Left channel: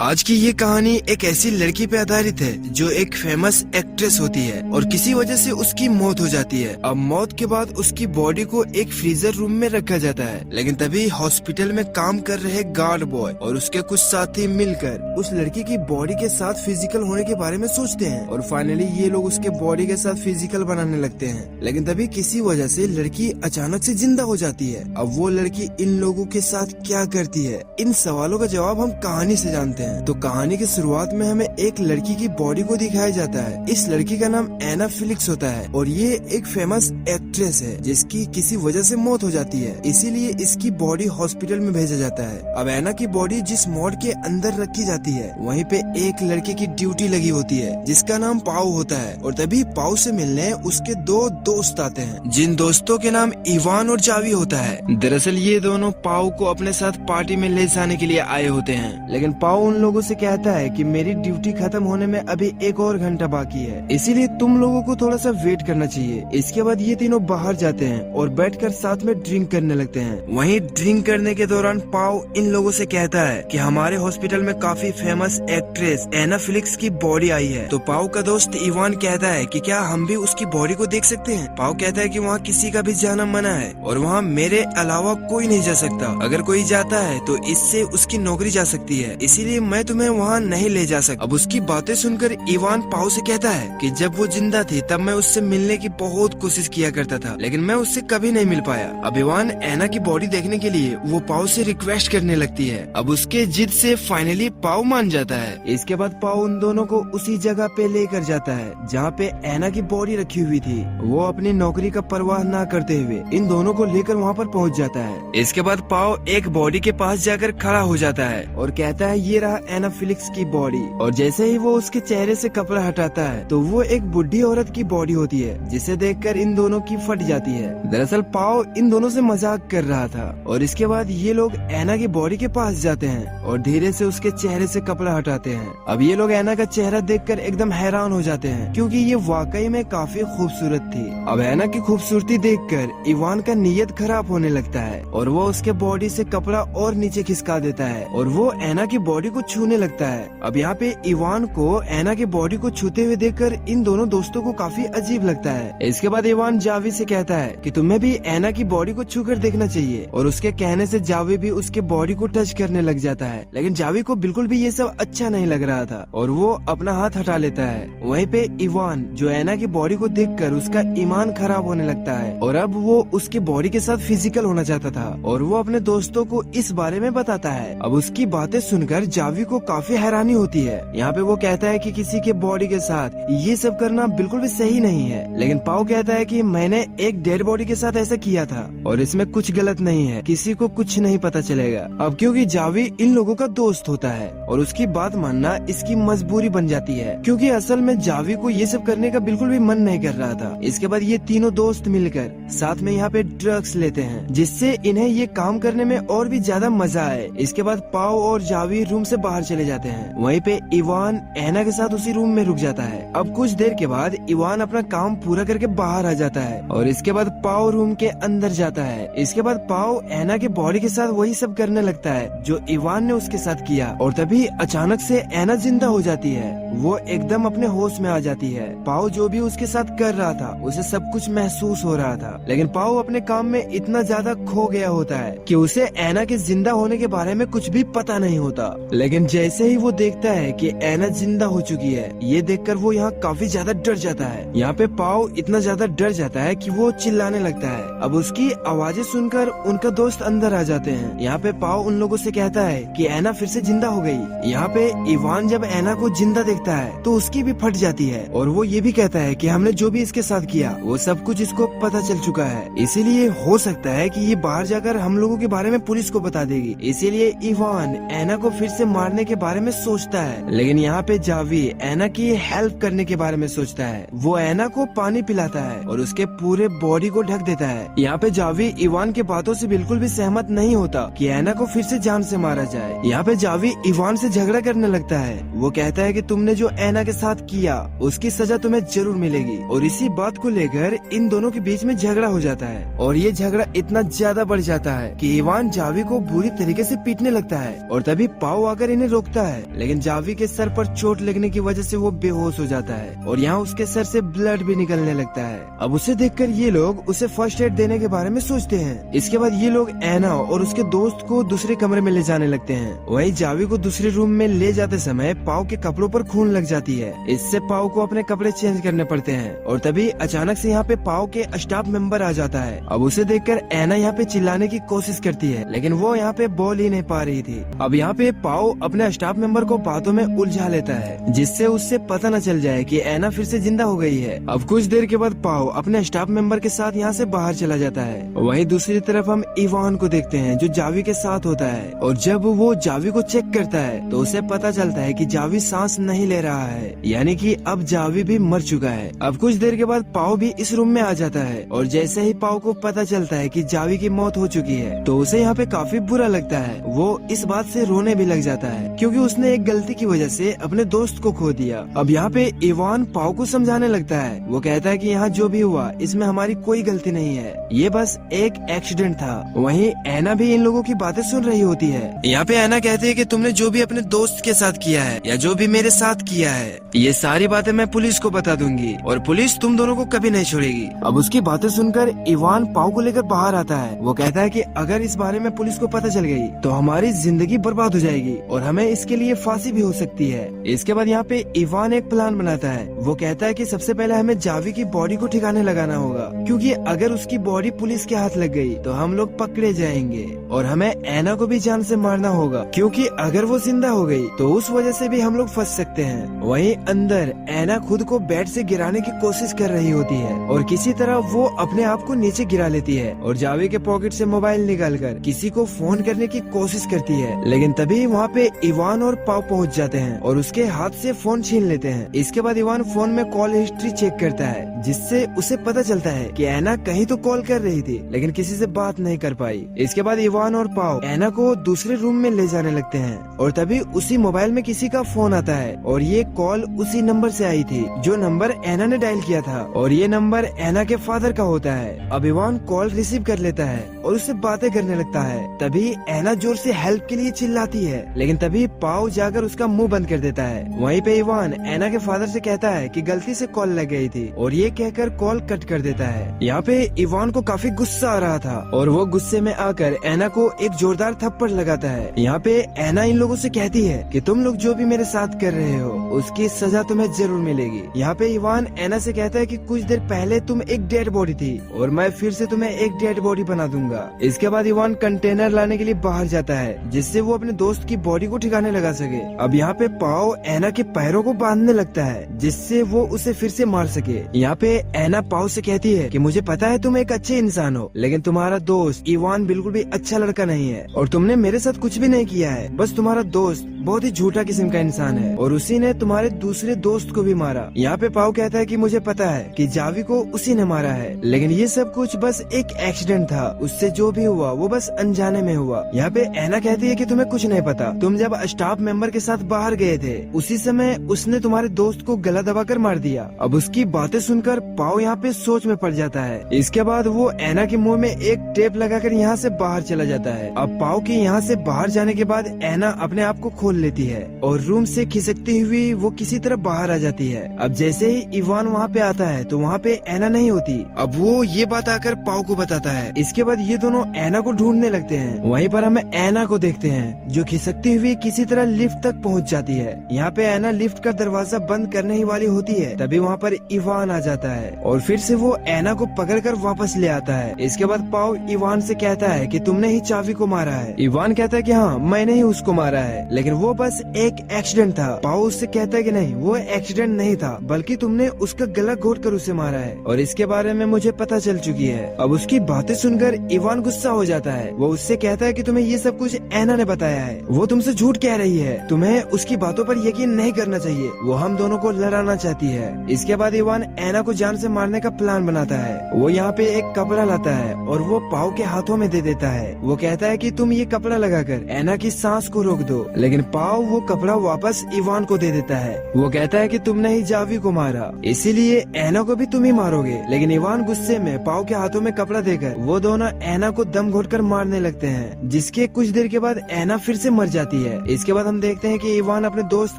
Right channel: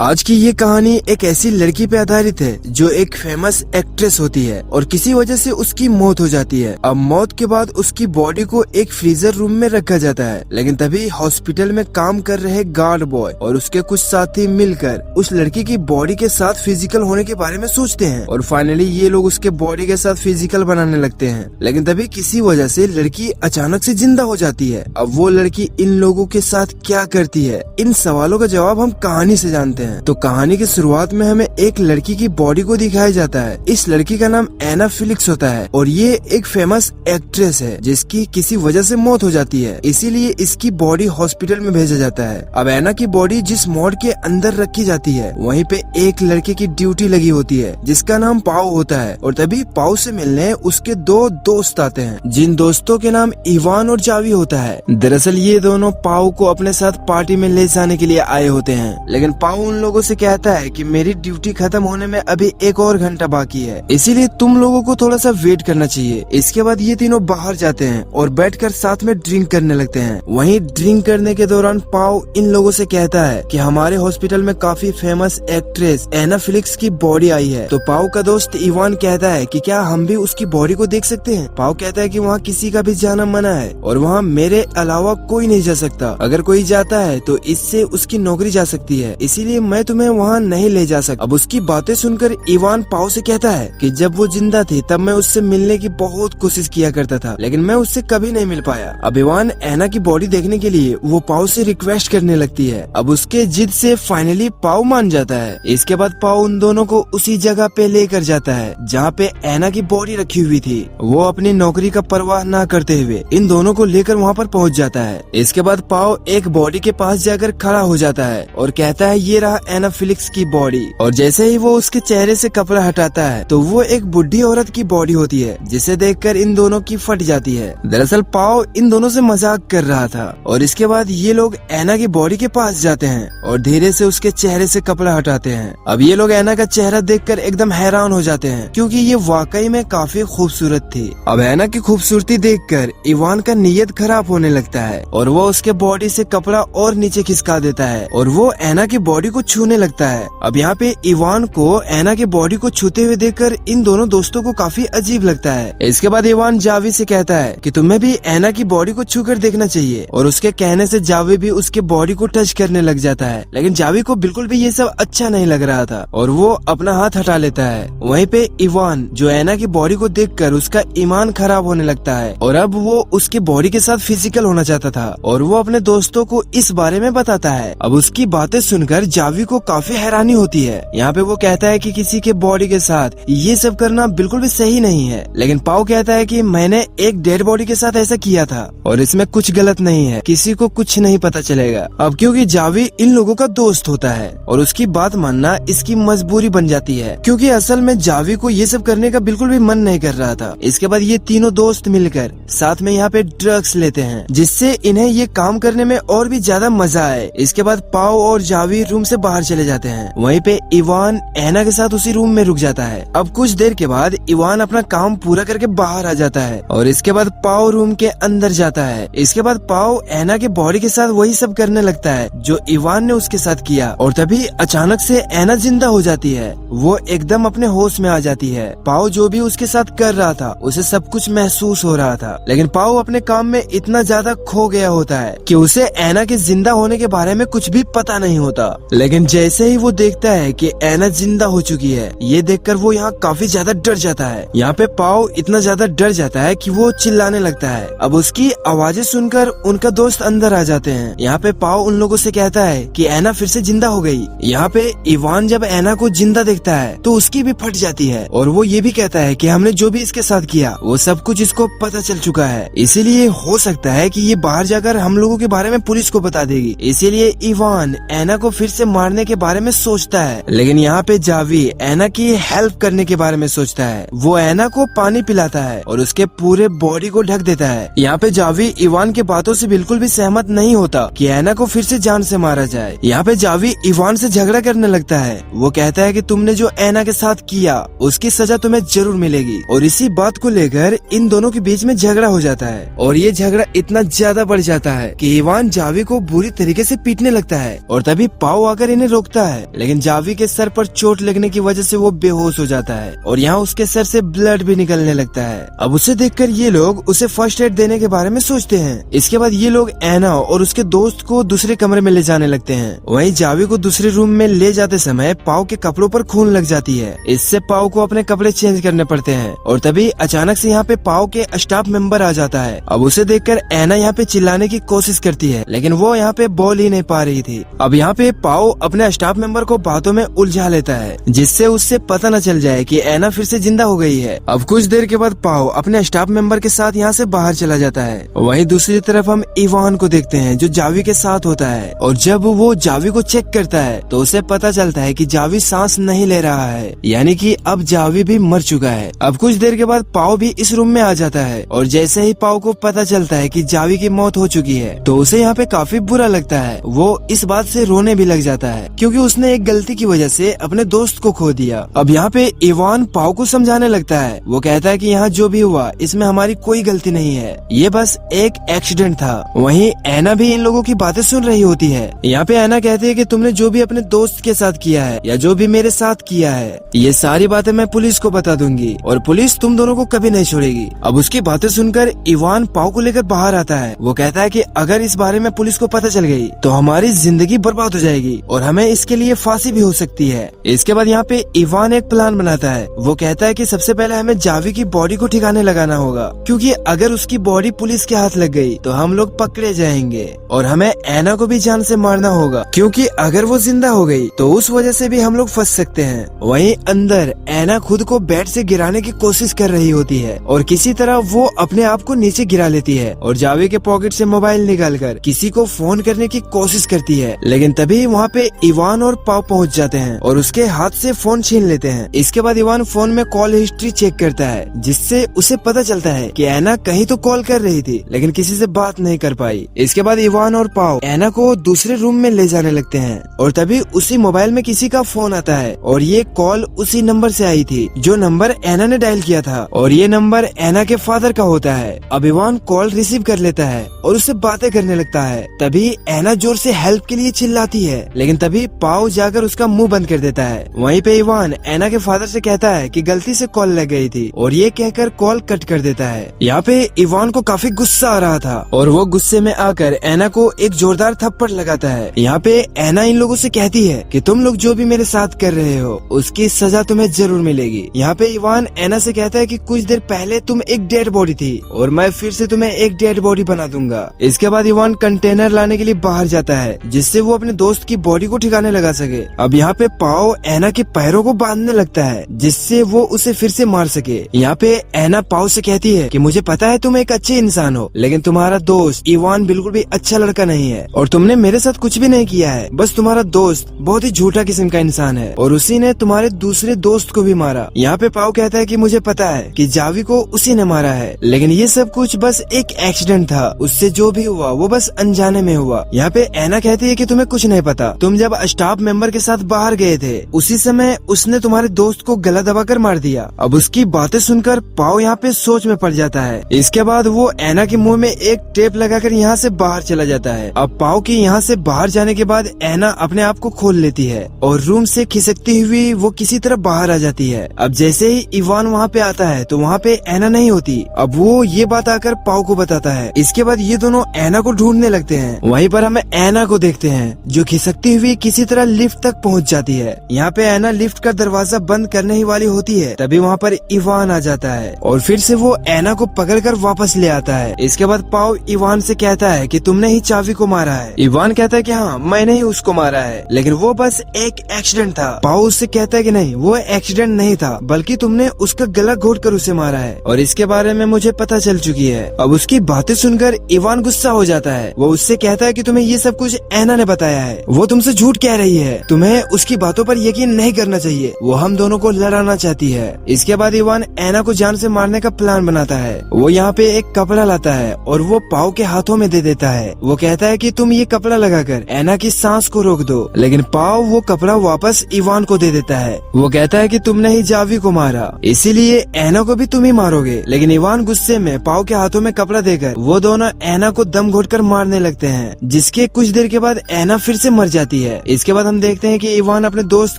आज की ये कहानी एक ऐसी लड़की पे आधारित है जो एक फेमस एक्ट्रेस होती है और किसी वजह से उसकी मौत हो जाती है। अब मौत के बाद उसकी बॉडी को एक फ्रीजर रूम में रखा जाता है, लेकिन तभी हॉस्पिटल में काम कर रहे गार्ड बॉय और उसके कुछ साथी मिलकर उस लड़की की बॉडी के साथ फिजिकल होने के बारे में सोचते हैं और फाइनली ये लोग उसके बॉडी के साथ फिजिकल बनाने लगते हैं। लेकिन तभी किसी वजह से लड़की अचानक से जिंदा हो जाती है। अब वो लड़की इन लोगों के साथ क्या करती है, इन सवालों का जवाब हम कहानी से जानते हैं। तो कहानी की शुरुआत में हमें एक लड़की की बॉडी को दिखाया जाता है। इस लड़की का नाम एना फिलिक्स होता है और ये एक फेमस एक्ट्रेस है जिसकी किसी वजह से मौत हो जाती है, इसीलिए इसकी बॉडी हॉस्पिटल में भेजा जाता है। अब एना की बॉडी जिस मॉड के अंदर रखी जाती है वहीं पे एक लड़के की ड्यूटी लगी होती है जिसका नाम पाओ होता है और तभी पाओ से मिलने उसके दो दोस्त आते हैं जिन दोस्तों के नाम इवान और जावी होता है। दरअसल ये दोनों पाओ को अपने साथ पार्टी में ले जाने के लिए आए होते हैं, लेकिन पाओ उन लोगों से कहता है कि मेरी ड्यूटी खत्म होने में अभी एक और घंटा बाकी है, इसीलिए तुम लोगों को थोड़ा सा वेट करना चाहिए। इसके बाद ये तीनों बाहर जाते हैं और बैठकर साथ में ड्रिंक करने लगते हैं। वहीं ड्रिंक करने के दौरान पाओ इन लोगों से कहता है कि हमारे हॉस्पिटल में काफी फेमस एक्ट्रेस एना फिलिक्स की बॉडी आई है। तो पाओ का दोस्त इवान कहता है कि क्या हम भी उसकी बॉडी को देख सकते हैं। पाओ कहता है कि वहाँ किसी का भी जाना मना है और वहाँ मेरे अलावा कोई नहीं जा सकता, अगर कोई जाता है तो इससे उसकी नौकरी जा सकती है, इसीलिए मैं तुम्हें वहाँ नहीं ले जा सकता। अब उसकी बातें सुनकर इवान पाओ से कहता है कि जब वो जिंदा थी तब मैं उससे मिलने की बहुत कोशिश किया करता था, लेकिन मैं उससे कभी नहीं मिल पाया। अब इवान एना की बॉडी देखने के लिए वो पाओ से रिक्वेस्ट करने लगती है। अब उसके जिद से फाइनली पाओ मान जाता है। इसके बाद पाओ उन दोनों को उसी जगह पे लेकर जाता है जहाँ पे एना की बॉडी रखी हुई थी। वो अपनी नौकरी का परवाह न करते हुए इन दोनों को लेकर वहाँ पर पहुँच जाता है। इसके बाद पाओ एक बॉडी के पास जाकर खड़ा हो जाता है और कहता है ये रहा एना फिलिक्स की बॉडी। और जैसे ही वो उसके चेहरे से कपड़ा हटाता है तो वो एक बुढ़ी औरत की बॉडी होती है जिसे देखकर इन दोनों की फट जाती है। दरअसल पाओ इन दोनों से मजाक कर रहा था और इसके बाद ये लोग एना की बॉडी के पास जाते हैं और धीरे से उसके चेहरे से कपड़ा हटाते हैं। अब ये लोग एना का चेहरा देखकर एकदम हैरान हो जाते हैं क्योंकि ये वाकई में काफी खूबसूरत थी। अब एना की खूबसूरती देखकर इवान का नीयत खराब होने लगता है और वो उसके बॉडी से कपड़ा और नीचे खिसका देता है और वो एना की बॉडी को छूने लगता है। अब यहाँ पे इवान को एना की बॉडी को छूते हुए देखकर इन दोनों दोस्तों को काफी अजीब लगता है। इसके बाद इवान जावी से कहता है कि तुम्हें भी एना की बॉडी को छूकर देखना चाहिए और उसके कहने से जावी भी उसके बॉडी को टच करने लग जाता है, लेकिन जावी को बिल्कुल भी ये सब अच्छा नहीं लग रहा था और वो अपना हाथ हटा लेता है। वहीं पे इवान जो एना की बॉडी को देखकर उसका ईमान खराब होने लगता है और अब वो उसकी बॉडी के साथ फिजिकल होना चाहता था और वो अपने दोस्तों को इस बारे में बताता है। अब उसकी बातें सुनकर जावी को काफी हैरानी होती है। यहाँ पे वो कहता है कि किसी के बॉडी के साथ ये सब करना बिल्कुल भी सही नहीं है, लेकिन पाओ कहता है कि मैंने एक डेड बॉडी के साथ ऐसा किया था और इसमें कुछ गलत नहीं है, किसी को कुछ नहीं पता चलेगा। अब क्योंकि जावी इन लोगों का दोस्त होता है और उसकी बात मानना इसकी मजबूरी बन जाती है क्योंकि असल में जावी को ये सब करने का बिल्कुल भी मन नहीं कर रहा था। इसके बाद ये तीनों दोस्त मिलकर साथ में यहाँ पे ड्रग्स लेते हैं जिससे इन्हें ये काम करने में और भी ज्यादा मजा आए। इसके बाद पाओ और जावी रूम से बाहर चले जाते हैं। वहीं पे इवान एना के साथ उसी रूम में रुक जाता है। अब कुछ देर के बाद इवान अपना काम पूरा करके बाहर आ जाता है और इसके बाद पाओ रूम के अंदर जाता है। इसके बाद पाओ एना के बॉडी के साथ वही सब करने लगता है जो इवान ने उसके साथ किया और तभी अचानक से एना जिंदा हो जाती है। वो एकदम अपने होश में आ जाती है। पाओ जो भी उसके साथ कर रहा था उसे सब कुछ महसूस हो रहा था, लेकिन पाओ अपने काम में इतना ज्यादा खो गया होता है कि उसे एना के जिंदा होने के बारे में कुछ भी पता नहीं होता। लेकिन जैसे ही वो देखता है कि एना जिंदा हो चुकी है, ये देखकर वो यहाँ काफी ज्यादा डर जाता है। यहाँ पे पाओ इतना ज्यादा डर जाता है कि वो चिल्लाने लगता है। अब उसकी आवाजें सुनकर उनका दोस्त अंदर आ जाते हैं। यहाँ पे पाओ उन लोगों से कहता है कि एना फिर से जिंदा हो गई। यहाँ पे इवान जब एना को जिंदा देखता है तो उसकी भी फट जाती है और वो ये भी कहता है कि हमने जो भी इसके साथ किया वो सब कुछ इसको पता चल चुका है, इसीलिए हो सकता है कि ये बाहर जाकर हम लोगों के बारे में पुलिस को बता देगी। इसीलिए इवान एना को फिर से मारने के बारे में सोचता है, लेकिन यहाँ पे जावी एना की हेल्प करने के बारे में सोचता है। वो एना को पानी पिलाता है और उसके पूरे बॉडी को ढक देता है। यहाँ पे जावी इवान के बातों से बिल्कुल भी सहमत नहीं होता कि एना को फिर से जान से मारा जाए। यहाँ पे जावी इवान से झगड़ा करने लगता है। वो कहता है कि तुमने जो एना के साथ किया उसकी सजा तुम्हें जरूर मिलेगी और इसी बात को लेकर इन दोनों के बीच में झगड़ा हो जाता है और ये झगड़ा इतना ज्यादा बढ़ जाता है कि इवान जावी को बुरी तरीके से पीटने लगता है और तभी पाओ आकर आकर इन्हें रोकता है, लेकिन जावी के सर पर चोट लगने की वजह से वो बेहोश हो जाता है और यहाँ उसके सर से ब्लड भी निकलने लगता है। अब उसे देखकर ये लोग उसे फर्स्ट एड देने के बारे में सोचते हैं। इसके बाद ये लोग एना और उसके दोस्त को दूसरे कमरे में ले जाने लगते हैं। वहीं जावी को दूसरे रूम में ले जाते समय पाव के कपड़ों पर खून लग जाती है। इससे पाव को अपने कपड़े चेंज करने पड़ते हैं और तभी अचानक से यहाँ पे पाव के स्टाफ मेंबर आ जाता है। अब उसे देखकर एना यहाँ पे चिल्लाने की कोशिश करती है, लेकिन वो यहाँ पे बोल ही नहीं पा रही थी। अब यहाँ पे पाव अपने स्टाफ मेंबर को बातों में उलझा लेता है, जिससे उससे पता न चल जाए कि एना फिर से जिंदा हो गई है। अब कुछ देर के बाद पाव अपने स्टाफ मेंबर के साथ यहाँ से बाहर चला जाता है। वहीं दूसरी तरफ हम इवान को देखते हैं जो जावी के साथ होता है, और जब वो जावी को चेक करता है तो उसे पता चलता है कि जावी सांस नहीं ले रहा है, यानी कि अब जावी भी मर चुका है। अब कुछ देर के बाद पाव भी इस रूम में आ जाता है, और जैसे ही पाव को पता चलता है कि जावी की मौत हो चुकी है तो उसे यहाँ पे काफी बुरा लगता है। वो इस बात से रोने भी लग जाता है क्योंकि उसने एक गलती की वजह से अपने दोस्त को खो दिया। अब यहाँ पे इवान पाव को समझाने लगता है। वो कहता है कि यहाँ जो भी हुआ इसमें हमारी कोई गलती नहीं है, ये बस एक एक्सीडेंट था। वहीं एना भी इन लोगों की बातें सुन रही होती है। यहाँ पे एना कहते हैं कि तुमने जो भी अपने दोस्त के साथ किया है या जो भी मेरे साथ किया है, ये सारी बातें मैं पुलिस को बता दूंगी और पुलिस तुम दोनों को कभी नहीं छोड़ेगी। अब उसकी बातें सुनकर इवान पाव को लेकर बाहर आता है। वो कहता है कि अगर इस बारे में पुलिस को पता चल गई तो हमारी जिंदगी बर्बाद हो जाएगी और हमें इसके लिए फांसी भी हो सकती है। इसके बाद यहाँ पे इवान एक प्लान बनाता है। वो कहता है कि सबसे पहले हमें जावी की बॉडी को ठिकाने लगाना होगा, क्योंकि अगर उसकी बॉडी पुलिस के हाथ लग गई तो हम लोग पकड़े जाएंगे और हमें एना को भी जान से मारना होगा, क्योंकि अगर वो जिंदा हो गई तो उस वजह से भी हम लोग फंस सकते हैं। वहीं अंदर एना खुद को बेड से गिराने की कोशिश कर रही होती है और किसी तरह वो अपने आप को नीचे गिरा लेती है और जावी के पॉकेट से मोबाइल निकालकर किसी को फोन करने की कोशिश करती है, लेकिन तभी वहाँ पे इवान और पाव पहुँच जाते हैं और उसके हाथ से फोन छीन लेते हैं। इसके बाद इवान फोन में कॉल हिस्ट्री चेक करता है, जिससे उसे पता चलता है कि एना कहीं तो कॉल कर रही थी लेकिन किसी से बात नहीं कर पाई। इसके बाद इवान और पाव एना को दूसरे रूम में ले जाने लगते हैं और तभी उसी मोबाइल में किसी का फोन आता है और ये कॉल उसी नंबर से आई थी जो नंबर एना ने डायल किया था, और ये नंबर एना के फादर का होता है। अब इवान कॉल रिसीव कर लेता है और उससे बातें करने लगता है। तभी एना जोर से हेल्प के लिए चिल्लाती है, लेकिन तभी पाव जाकर उसका मुंह बंद कर देता है। वहीं पे इवान एना के फादर से कहता है कि गलती से कॉल लग गई थी और ये कहकर कॉल कट कर देता है। यहाँ पे इवान को काफी गुस्सा आ रहा था और वो गुस्से में आकर एना को एक जोरदार थप्पड़ लगाता है। यहाँ पे एना इन लोगों से कहती है कि तुम लोग जो भी मेरे साथ कर रहे हो उसकी सजा तुम्हें जरूर मिलेगी। यहाँ पे इवान एना से कहता है कि कुछ देर पहले तुम एक डेड बॉडी थी और मैं फिर से तुम्हें एक डेड बॉडी बना दूंगा। इसके बाद इवान कंटेनर लाने के लिए बाहर जाता है, जिससे वो अपने दोस्त की बॉडी को ठिकाने लगा सके। अब यहाँ पे पाव एना के पैरों को बांधने लगता है, जिससे वो उसे फिर से मार सके। यहाँ पे एना पाव से कहती है कि मुझे पता है तुम एक अच्छे इंसान हो, लेकिन तुम्हारा दोस्त इवान बिल्कुल भी अच्छा लड़का नहीं है और तुमने मेरे साथ कुछ भी नहीं किया है। बस तुम्हारा दोस्त बहुत ही झूठा किस्म का इंसान है और उसी ने तुम्हारे दूसरे दोस्त को भी मारा। यहाँ पे पाव कहता है कि मुझे पता है कि जावी को उसी ने मारा है, लेकिन ये सब कुछ बस एक एक्सीडेंट था, उससे जो भी हुआ वो बस अनजाने में हुआ। यहाँ पे एना कहती है कि तुम्हें कुछ नहीं पता, तुम जब स्टाफ मेंबर के साथ बाहर गए थे उसी समय उसने तुम्हारे दोस्त को गला दबाकर मार दिया। अब उसकी बातें सुनकर पाव यहाँ पे सोच में पड़ जाता है। इसके बाद वो एना के मुंह में एक टेप लगाकर यहाँ से बाहर चला जाता है। अब पाव की यहाँ से बाहर जाने के बाद एना अपने आप को खोल लेती है और रूम से खिसकती हुई वो किसी तरह बाहर आ जाती है। अब जैसे ही इवान वहाँ पे आता है तो वहाँ पे एना नहीं होती। अब वो ये बात आकर पाव को बताता है। इसके बाद ये दोनों एना को ढूंढने लगते हैं। वहीं पर हमें एना को देखते हैं जो खिसकती हुई किसी तरह लिफ्ट तक पहुँच जाती है। यहाँ पे एना लिफ्ट का दरवाजा बंद करने ही वाली होती है, तभी वहाँ पर इवान आ जाता है और फिर से वो एना को पकड़कर वापस ले आता है। इसके बाद पाव इवान से कहता है कि तुमने ही चावी को मारा है। इवान कहता है कि हाँ मैंने ही उसको मारा है, लेकिन वो बस एक एक्सीडेंट था। पाव उससे कहता है कि नहीं वो एक्सीडेंट नहीं था, बल्कि तुमने उसका गला घोट कर उसे मारा है और इसके बारे में मुझे पता चल चुकी है। अब उसकी बातें सुनकर इवान गुस्सा हो जाता है। वो उससे कहता है कि तुम्हें ये सब कुछ एना ने बताया है, वो तुमसे झूठ कह रही है, तुम्हें उसकी बातों पर यकीन नहीं करना चाहिए, वो हम दोनों को लड़ाना चाहती है। इसके बाद इवान एना को जान से मारने का प्लान बनाता है। वो यहाँ पे एक कपड़ा लाता है और वो पाव के हाथों में दे देता है। वो कहता है कि तुम ये कपड़ा लगाकर एना की सांस को रोक दो, लेकिन पाव वो कपड़ा वापस इवान को दे देता है। वो कहता है कि तुमने ही जावी को मारा, इसीलिए एना को भी तुम ही मारोगे। लेकिन इवान गुस्से में पाव के हाथों में कपड़ा देकर वो दोनों एना को दम घोटकर मारने लगते हैं, जिसके कुछ देर के बाद एना फिर से मर जाती जाती है। इसके बाद हम देखते हैं कि इवान अपने दोस्त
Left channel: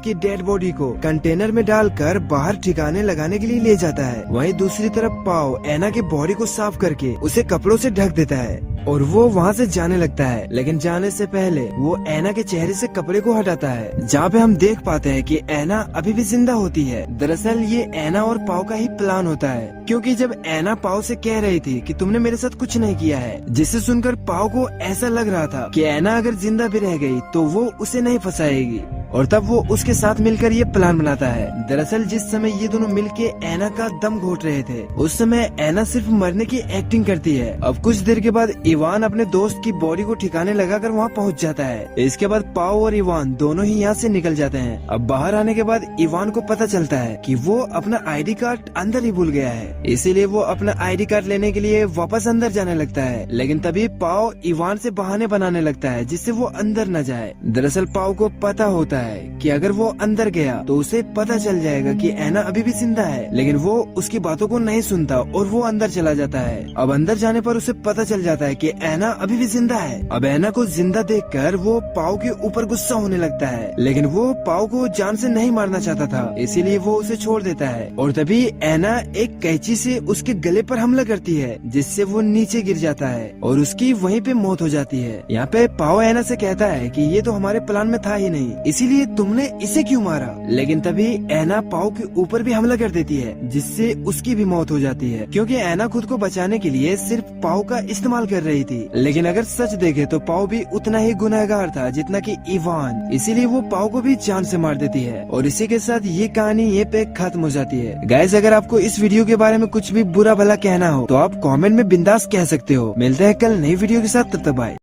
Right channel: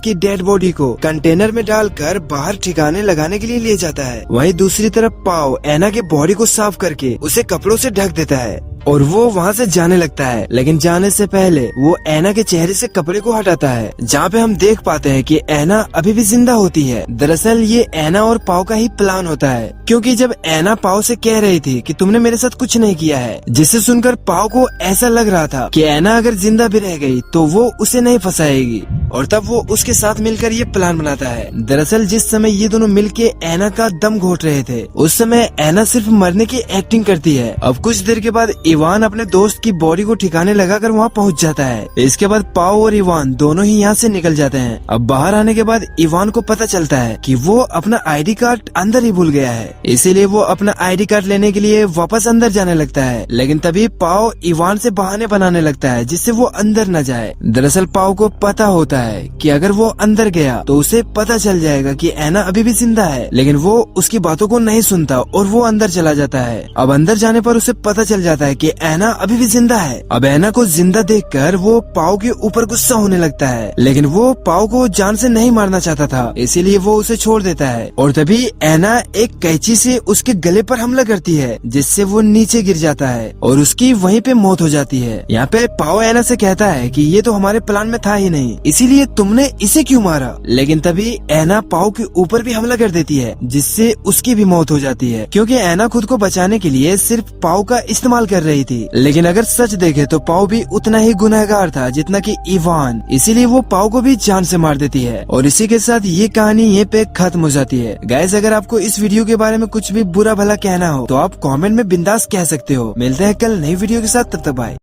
की डेड बॉडी को कंटेनर में डालकर बाहर ठिकाने लगाने के लिए ले जाता है। वहीं दूसरी तरफ पाओ एना के बॉडी को साफ करके उसे कपड़ों से ढक देता है और वो वहाँ से जाने लगता है। लेकिन जाने से पहले वो एना के चेहरे से कपड़े को हटाता है, जहाँ पे हम देख पाते हैं कि एना अभी भी जिंदा होती है। दरअसल ये एना और पाओ का ही प्लान होता है, क्योंकि जब एना पाओ से कह रही थी कि तुमने मेरे साथ कुछ नहीं किया है, जिसे सुनकर पाओ को ऐसा लग रहा था कि एना अगर जिंदा भी रह गई तो वो उसे नहीं फंसाएगी, और तब वो उसके साथ मिलकर ये प्लान बनाता है। दरअसल जिस समय ये दोनों मिलके एना का दम घोट रहे थे, उस समय एना सिर्फ मरने की एक्टिंग करती है। अब कुछ देर के बाद इवान अपने दोस्त की बॉडी को ठिकाने लगाकर वहाँ पहुँच जाता है। इसके बाद पाओ और इवान दोनों ही यहाँ से निकल जाते हैं। अब बाहर आने के बाद इवान को पता चलता है कि वो अपना आईडी कार्ड अंदर ही भूल गया है, इसीलिए वो अपना आईडी कार्ड लेने के लिए वापस अंदर जाने लगता है। लेकिन तभी पाओ इवान से बहाने बनाने लगता है जिससे वो अंदर न जाए। दरअसल पाओ को पता होता है कि अगर वो अंदर गया तो उसे पता चल जाएगा कि एना अभी भी जिंदा है, लेकिन वो उसकी बातों को नहीं सुनता और वो अंदर चला जाता है। अब अंदर जाने पर उसे पता चल जाता है कि एना अभी भी जिंदा है। अब एना को जिंदा देखकर वो पाओ के ऊपर गुस्सा होने लगता है, लेकिन वो पाओ को जान से नहीं मारना चाहता था, इसीलिए वो उसे छोड़ देता है। और तभी एना एक कैंची से उसके गले पर हमला करती है, जिससे वो नीचे गिर जाता है और उसकी वहीं पे मौत हो जाती है। यहाँ पे पाओ एना से कहता है कि ये तो हमारे प्लान में था ही नहीं, इसीलिए तुमने इसे क्यों मारा। लेकिन तभी एना पाओ के ऊपर भी हमला कर देती है, जिससे उसकी भी मौत हो जाती है, क्योंकि एना खुद को बचाने के लिए सिर्फ पाओ का इस्तेमाल कर रही थी। लेकिन अगर सच देखे तो पाओ भी उतना ही गुनहगार था जितना कि इवान, इसीलिए वो पाओ को भी जान से मार देती है। और इसी के साथ ये कहानी ये पे खत्म हो जाती है। गाइस, अगर आपको इस वीडियो के बारे में कुछ भी बुरा भला कहना हो तो आप कमेंट में बिंदास कह सकते हो। मिलते हैं कल नई वीडियो के साथ, तब तक बाय।